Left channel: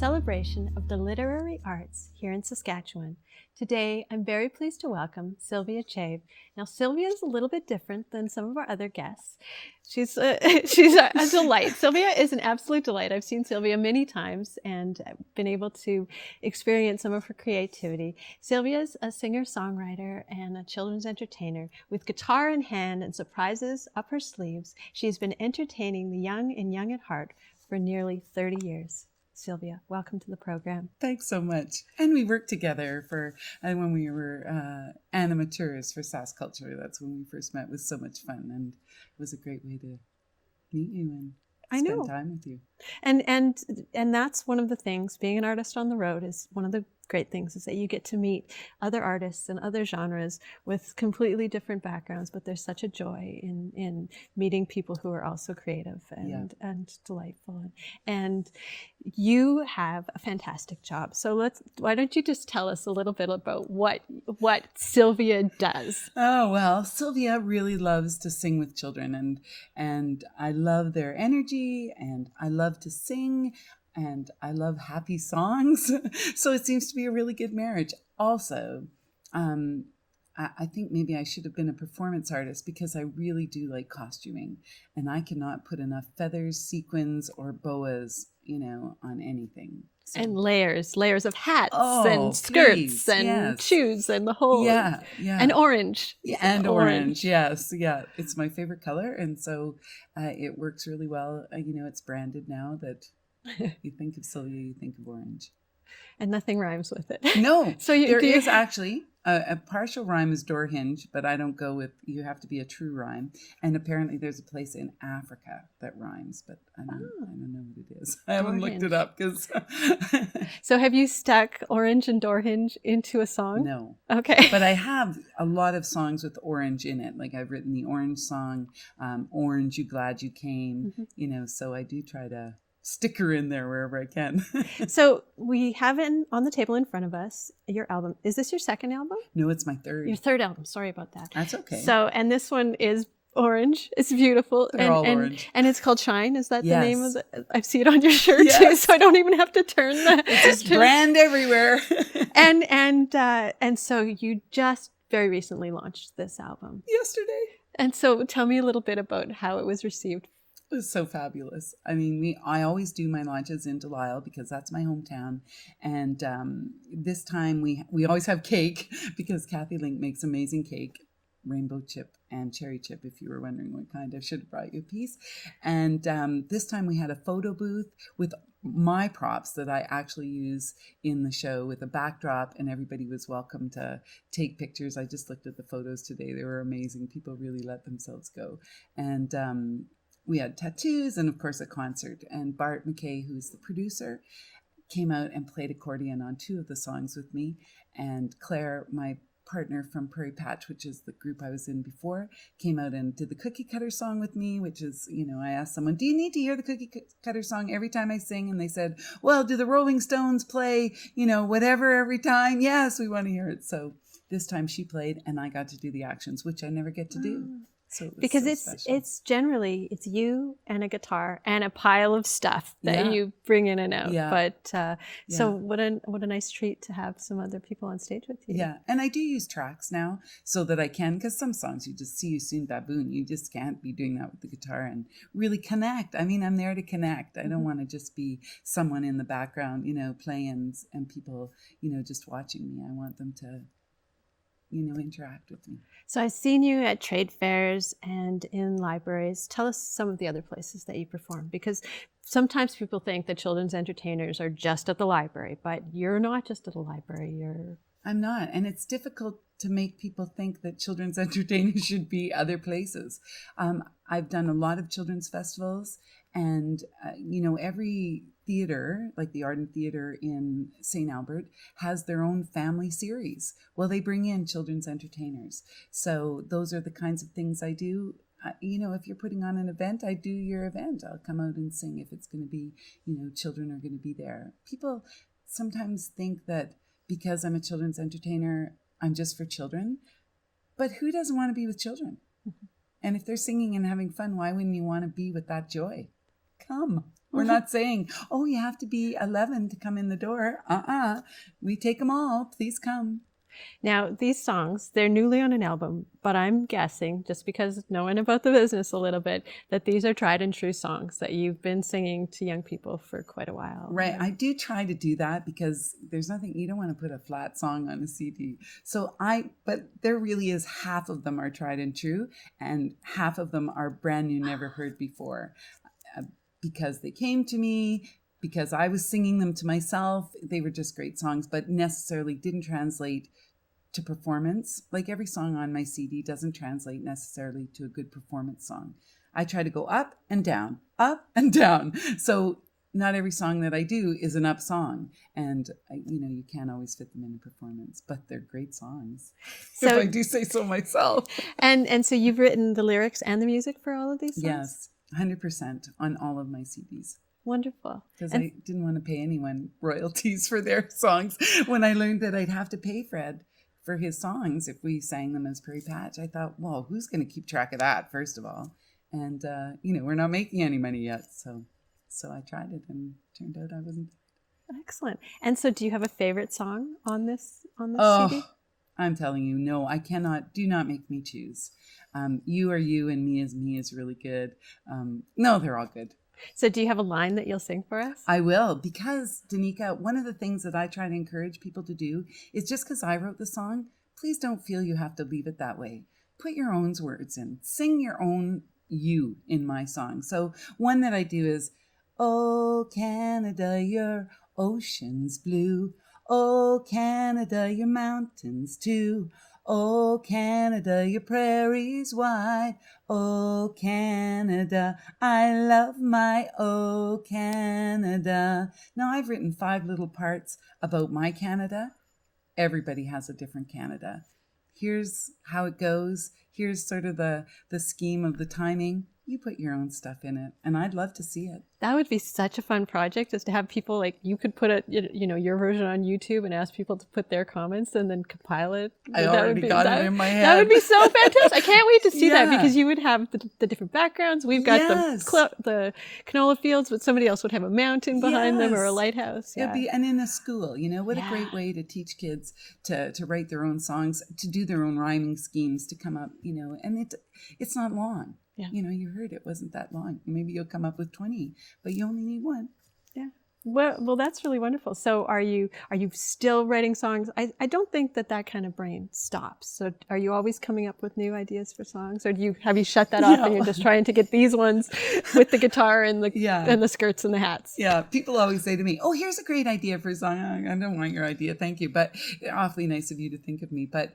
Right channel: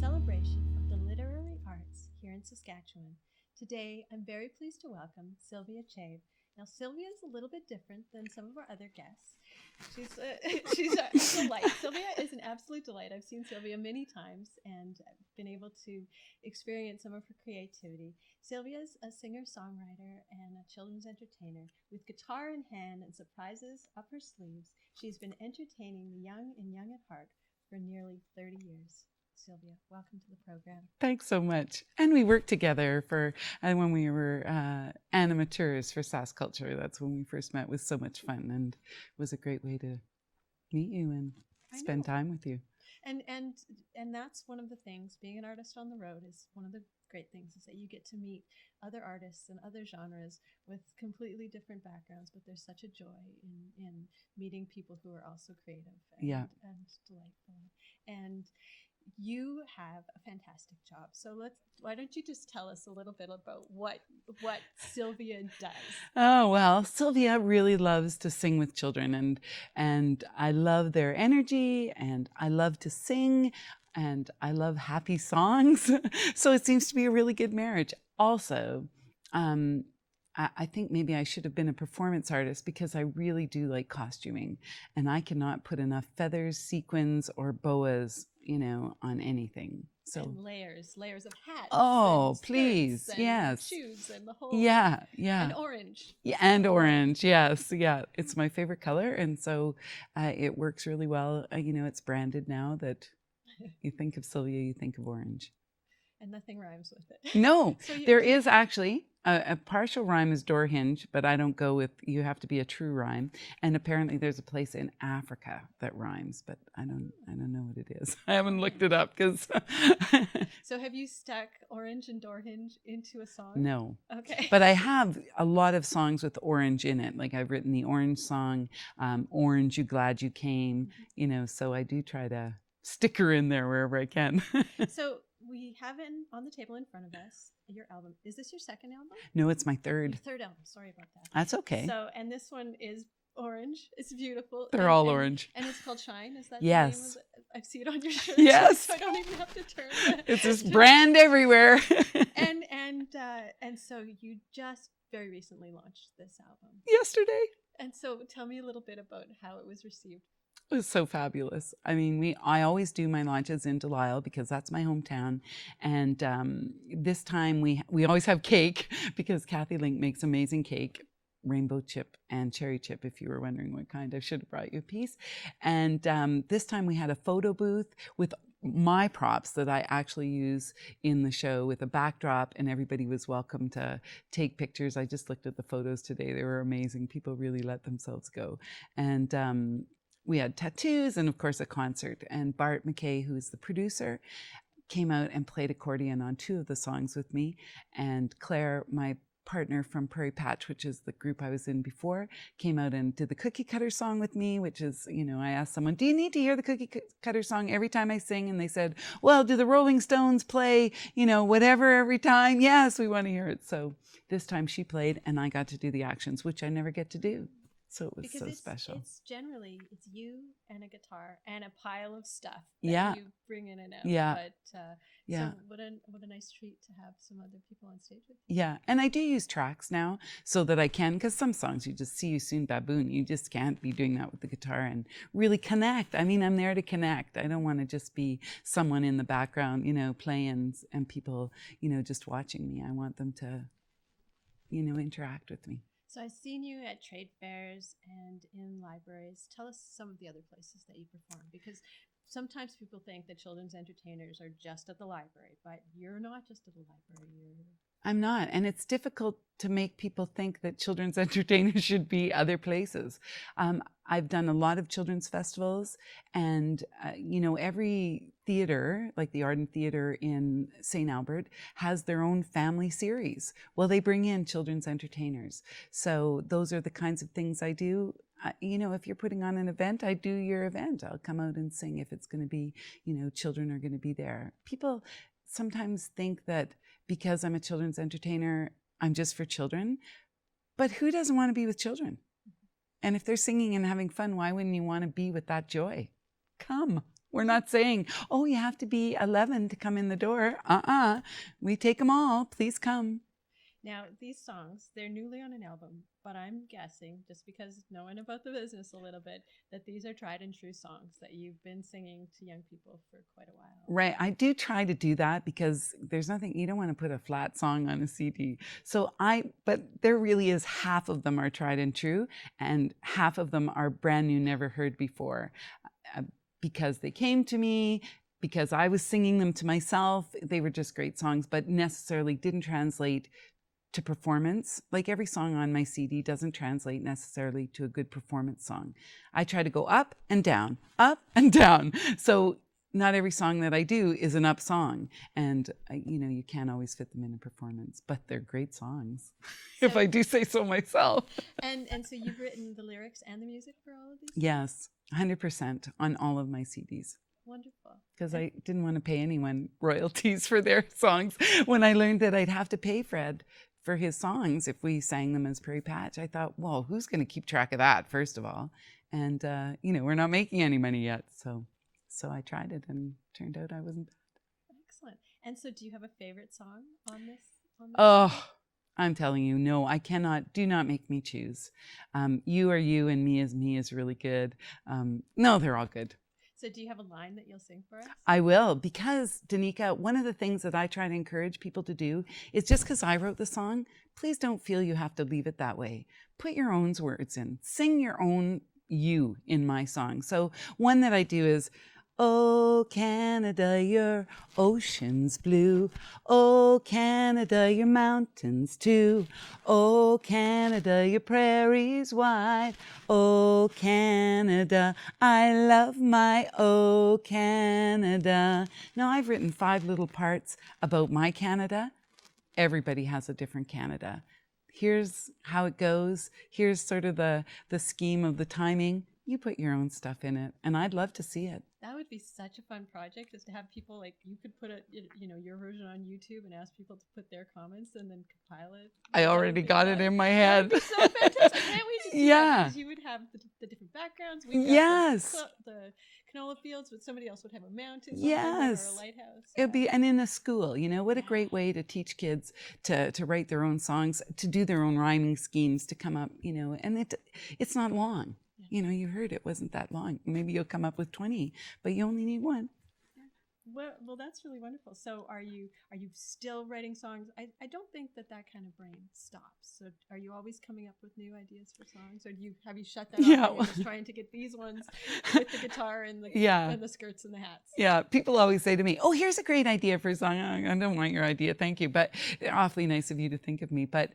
celebration of the literary arts here in Saskatchewan. Today, I'm very pleased to welcome Sylvia Chave. Now, Sylvia is a little bit different than some of our other guests. She's a delight. Sylvia is an absolute delight. I've seen Sylvia many times and been able to experience some of her creativity. Sylvia is a singer-songwriter and a children's entertainer. With guitar in hand and surprises up her sleeves, she's been entertaining the young and young at heart for nearly 30 years. Sylvia, welcome to the program. Thanks so much. And we worked together when we were animateurs for Sask Culture. That's when we first met. It was so much fun, and it was a great way to meet you and spend time with you. And that's one of the things, being an artist on the road is one of the great things, is that you get to meet other artists and other genres with completely different backgrounds, but there's such a joy in meeting people who are also creative and delightful. And you have a fantastic job. So why don't you just tell us a little bit about what Sylvia does? Oh, well, Sylvia really loves to sing with children, and I love their energy, and I love to sing, and I love happy songs. So it seems to be a really good marriage. Also, I think maybe I should have been a performance artist, because I really do like costuming, and I cannot put enough feathers, sequins, or boas, on anything. So. And layers of hats and skirts and shoes and the whole. Yeah. And orange. Yeah, and orange, yes. Yeah, it's my favorite color. And so it works really well. It's branded now that you think of Sylvia, you think of orange. And nothing rhymes with it. No, so there is actually a partial rhyme is door hinge, but I don't go with, you have to be a true rhyme. And apparently there's a place in Africa that rhymes, but I don't know what it is. I haven't looked it up because. So have you stuck orange and door hinge into a song? No. Okay. But I have a lot of songs with orange in it. Like I've written the orange song, Orange, You Glad You Came, so I do try to stick her in there wherever I can. So we have it on the table in front of us, your album. Is this your second album? No, it's my third. Your third album. Sorry about that. That's okay. So, and this one is orange. It's beautiful. They're all orange. And it's called Shine. Is that the name of it? I see it on your shirt too, so I don't even have to turn the. It's just brand everywhere. and so you just very recently launched this album. Yesterday. And so tell me a little bit about how it was received. It was so fabulous. I mean, I always do my launches in Delisle because that's my hometown. And this time we always have cake because Kathy Link makes amazing cake, rainbow chip and cherry chip, if you were wondering what kind. I should have brought you a piece. And this time we had a photo booth with my props that I actually use in the show with a backdrop, and everybody was welcome to take pictures. I just looked at the photos today. They were amazing. People really let themselves go. And we had tattoos and, of course, a concert. And Bart McKay, who's the producer, came out and played accordion on 2 of the songs with me. And Claire, my partner from Prairie Patch, which is the group I was in before, came out and did the Cookie Cutter song with me, which is, I asked someone, do you need to hear the Cookie Cutter song every time I sing? And they said, well, do the Rolling Stones play, whatever every time? Yes, we want to hear it. So this time she played and I got to do the actions, which I never get to do. So it was because special. It's generally you and a guitar and a pile of stuff that you bring in and out. Yeah. But so what a nice treat to have some other people on stage with you. Yeah, and I do use tracks now so that I can, because some songs you just see you soon baboon. You just can't be doing that with the guitar and really connect. I mean, I'm there to connect. I don't want to just be someone in the background, playing and people, just watching me. I want them to, interact with me. So I've seen you at trade fairs and in libraries. Tell us some of the other places that you perform, because sometimes people think that children's entertainers are just at the library, but you're not just at the library. I'm not. And it's difficult to make people think that children's entertainers should be other places. I've done a lot of children's festivals, and, every theater, like the Arden Theater in St. Albert, has their own family series. Well, they bring in children's entertainers. So those are the kinds of things I do. If you're putting on an event, I do your event. I'll come out and sing if it's going to be, children are going to be there. People sometimes think that because I'm a children's entertainer, I'm just for children. But who doesn't want to be with children? Mm-hmm. And if they're singing and having fun, why wouldn't you want to be with that joy? Come. We're not saying, oh, you have to be 11 to come in the door. We take them all. Please come. Now, these songs, they're newly on an album, but I'm guessing, just because knowing about the business a little bit, that these are tried and true songs that you've been singing to young people for quite a while. Right. I do try to do that because there's nothing, you don't want to put a flat song on a CD. But there really is half of them are tried and true, and half of them are brand new, never heard before. Because they came to me, because I was singing them to myself. They were just great songs, but necessarily didn't translate to performance. Like every song on my CD doesn't translate necessarily to a good performance song. I try to go up and down, up and down. So not every song that I do is an up song. And, you can't always fit them in a performance, but they're great songs, if I do say so myself. And so you've written the lyrics and the music for all of these songs? Yes, 100% on all of my CDs. Wonderful. Because I didn't want to pay anyone royalties for their songs. When I learned that I'd have to pay Fred for his songs if we sang them as Prairie Patch, I thought, well, who's going to keep track of that, first of all? And, we're not making any money yet. So I tried it and turned out I wasn't bad. Excellent. And so do you have a favorite song on this CD? I'm telling you, no, I cannot. Do not make me choose. You Are You and Me Is Me is really good. No, they're all good. So do you have a line that you'll sing for us? I will, because, Danica, one of the things that I try to encourage people to do is just because I wrote the song, please don't feel you have to leave it that way. Put your own words in. Sing your own you in my song. So one that I do is, oh, Canada, your ocean's blue. Oh, Canada, your mountains too. Oh, Canada, your prairies wide. Oh, Canada, I love my oh, Canada. Now, I've written 5 little parts about my Canada. Everybody has a different Canada. Here's how it goes. Here's sort of the scheme of the timing. You put your own stuff in it, and I'd love to see it. That would be such a fun project, is to have people, like, you could put your version on YouTube and ask people to put their comments and then compile it. I already got it in my head. That would be so fantastic. I can't wait to see that, because you would have the different backgrounds. We've got the canola fields, but somebody else would have a mountain behind them or a lighthouse. It'd be, and in a school, what a great way to teach kids to write their own songs, to do their own rhyming schemes, to come up, and it's not long. Yeah. You heard it wasn't that long. Maybe you'll come up with 20, but you only need 1. Yeah. Well, that's really wonderful. So are you still writing songs? I don't think that kind of brain stops. So are you always coming up with new ideas for songs, or have you shut that off and you're just trying to get these ones with the guitar and the skirts and the hats? Yeah. People always say to me, "Oh, here's a great idea for a song." I don't want your idea, thank you, but they're awfully nice of you to think of me. But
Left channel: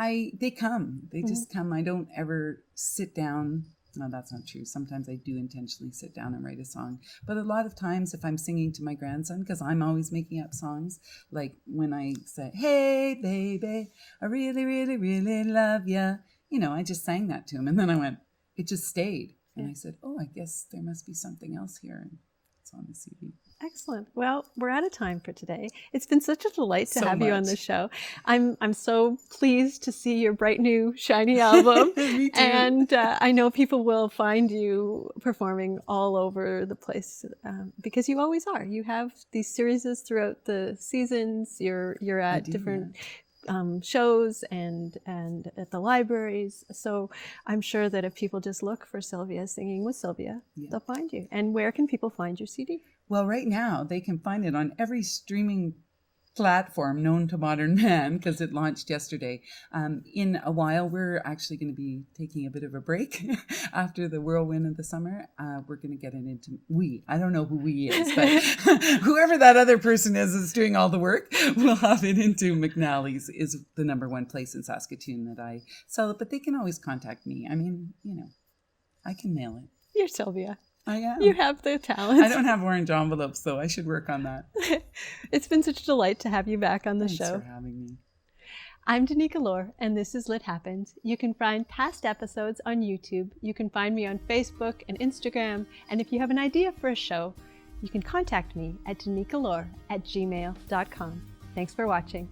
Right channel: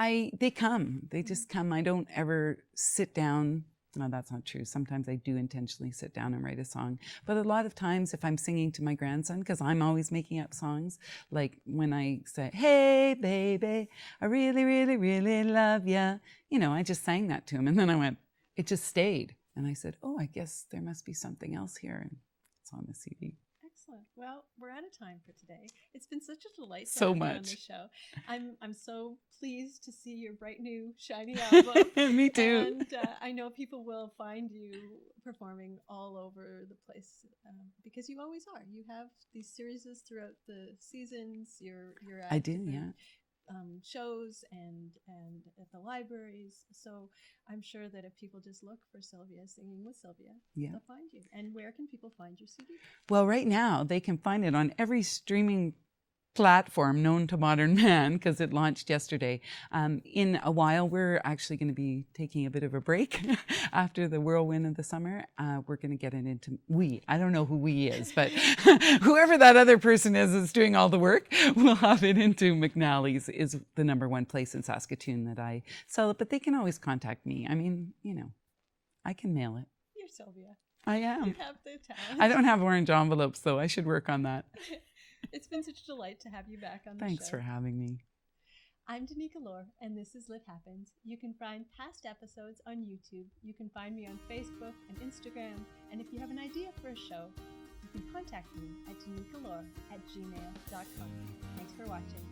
they come. They just come. I don't ever sit down. No, that's not true. Sometimes I do intentionally sit down and write a song. But a lot of times, if I'm singing to my grandson, because I'm always making up songs, like when I say, "Hey, baby, I really, really, really love ya," I just sang that to him. And then I went, it just stayed. And I said, oh, I guess there must be something else here. And it's on the CD. Excellent. Well, we're out of time for today. It's been such a delight to have you on the show. I'm so pleased to see your bright new shiny album. Me too. And I know people will find you performing all over the place, because you always are. You have these series throughout the seasons. You're at different shows and at the libraries. So I'm sure that if people just look for Sylvia Singing with Sylvia, they'll find you. And where can people find your CD? Well, right now they can find it on every streaming platform known to modern man, because it launched yesterday. In a while, we're actually going to be taking a bit of a break after the whirlwind of the summer. We're going to get it into I don't know who we is, but whoever that other person is doing all the work. We'll have it into McNally's, is the #1 place in Saskatoon that I sell it. But they can always contact me. I mean, I can mail it. You're Sylvia. I am. You have the talent. I don't have orange envelopes, though. I should work on that. It's been such a delight to have you back on the show. Thanks for having me. I'm Danica Lorer, and this is Lit Happens. You can find past episodes on YouTube. You can find me on Facebook and Instagram. And if you have an idea for a show, you can contact me at danicalorer@gmail.com. Thanks for watching.